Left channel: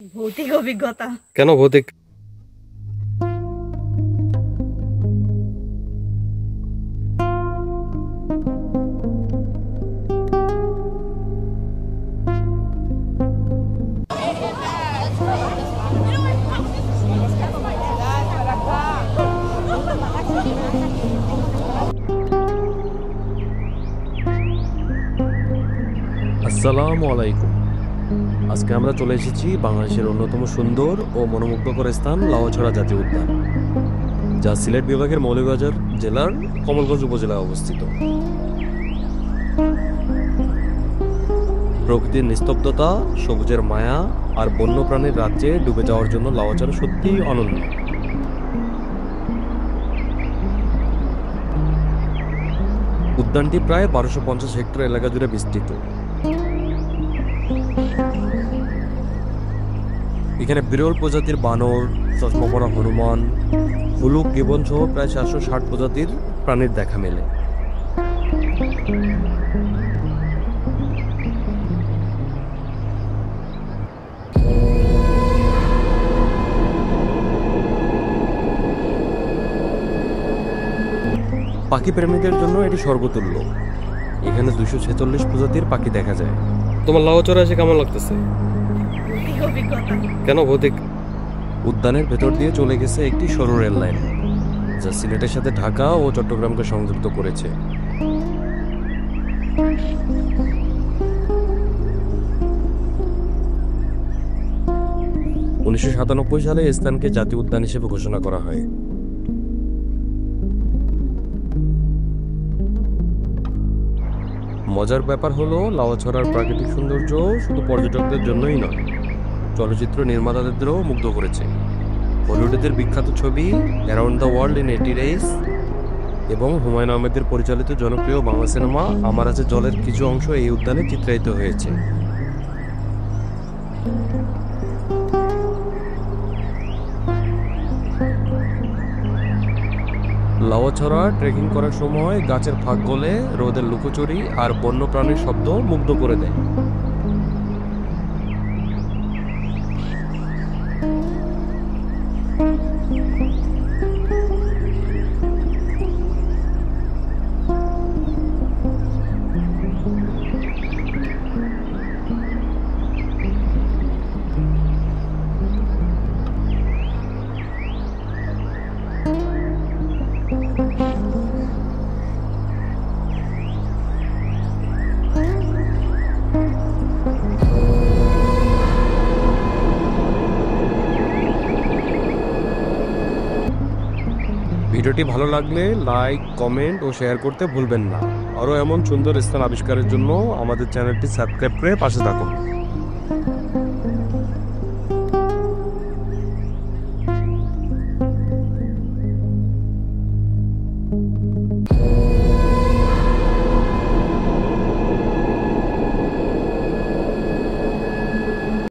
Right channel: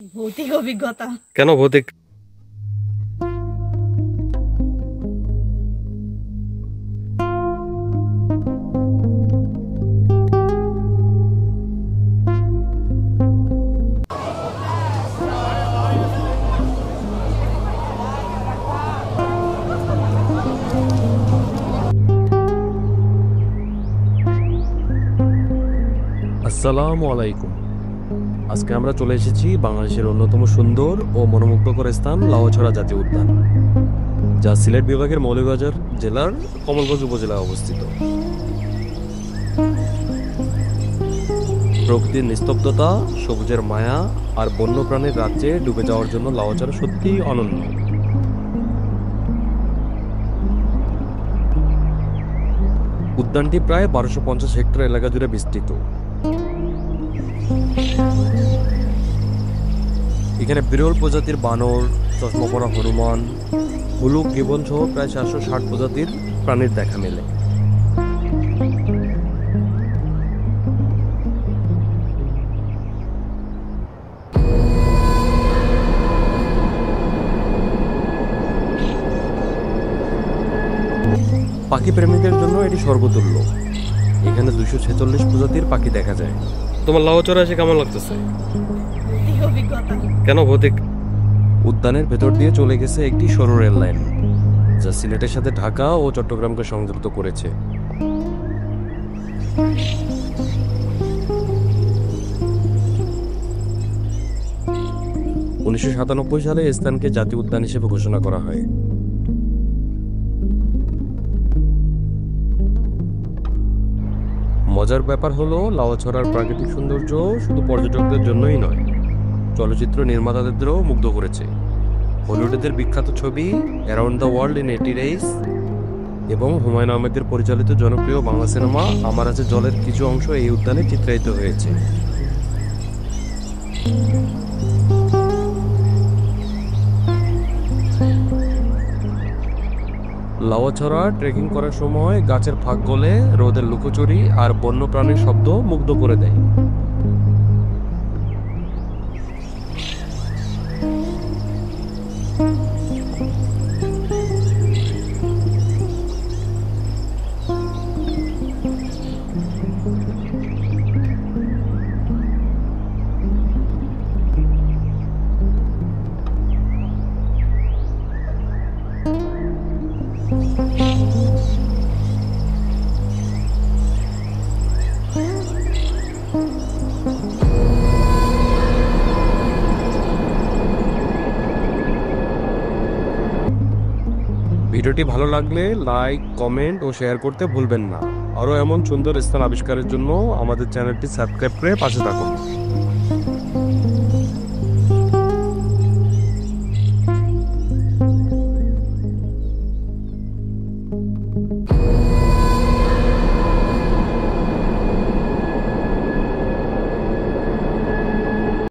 ভৌতিক অভিজ্ঞতা। কেন ভৌতিক? আসসালামু আলাইকুম। আজকে আমরা চলে এসেছি বাংলাদেশের অন্যতম সুন্দর ও মনোমুগ্ধকর স্থান লাউয়াছড়া জাতীয় উদ্যান, যা সিলেট বিভাগের মৌলভীবাজার জেলার কমলগঞ্জ উপজেলায় অবস্থিত। প্রকৃতির নিস্তব্ধতা, সবুজের মায়া আর বন্যপ্রাণীর রাজ্যে ডুবে যাওয়ার জন্য লাউয়াছড়া সত্যিই অনন্য। উদ্যানটি প্রায় 1250 হেক্টর এলাকা জুড়ে বিস্তৃত। এখানে বিরল প্রজাতির বানর, চশমা পরা হনুমান, বুলুক গিবন সহ প্রায় 460 প্রজাতির প্রাণীর দেখা মেলে। পাখি প্রেমিকের জন্য এটি সর্বতুল্য। এখানে 246 প্রজাতির পাখি দেখা যায়। তোমার লাউয়াছড়া এসে কেমন লাগতেছে? ভৌতিক অভিজ্ঞতা। কেন ভৌতিক? উদ্যানের ভেতর দিয়ে চলে গেছে একটি সরু রেল লাইন, যা সিলেটের সাথে ঢাকা ও চট্টগ্রামকে সংযুক্ত করেছে। উনিশশো 97 সালে এই স্থানকে জাতীয় উদ্যান হিসেবে ঘোষণা করা হয়। মজার ব্যাপার হলো, লাউয়াছড়ার প্রাকৃতিক সৌন্দর্য শুধু পর্যটকদের জন্যই নয়, চলচ্চিত্র নির্মাতাদেরও মুগ্ধ করেছে। হলিউডের বিখ্যাত ছবি around the world in 80 days এবং হুমায়ুন আহমেদের পরিচালিত জনপ্রিয় বাংলা সিনেমা আমার আছে জলের কিছু অংশ এই উদ্যানে চিত্রায়িত হয়েছে। লাউয়াছড়া ট্রেকিং করার সময় গাছের ফাঁক গলে রোদের লুকোচুরি আর বন্যপ্রাণীর শব্দ মুগ্ধ করে দেয়। ভিডিওটি ভালো লাগলে লাইক, কমেন্ট ও শেয়ার করতে ভুলবেন না। আরও এমন সুন্দর স্থান আবিষ্কারের জন্য আমাদের চ্যানেলটি সাবস্ক্রাইব করে পাশে থাকুন।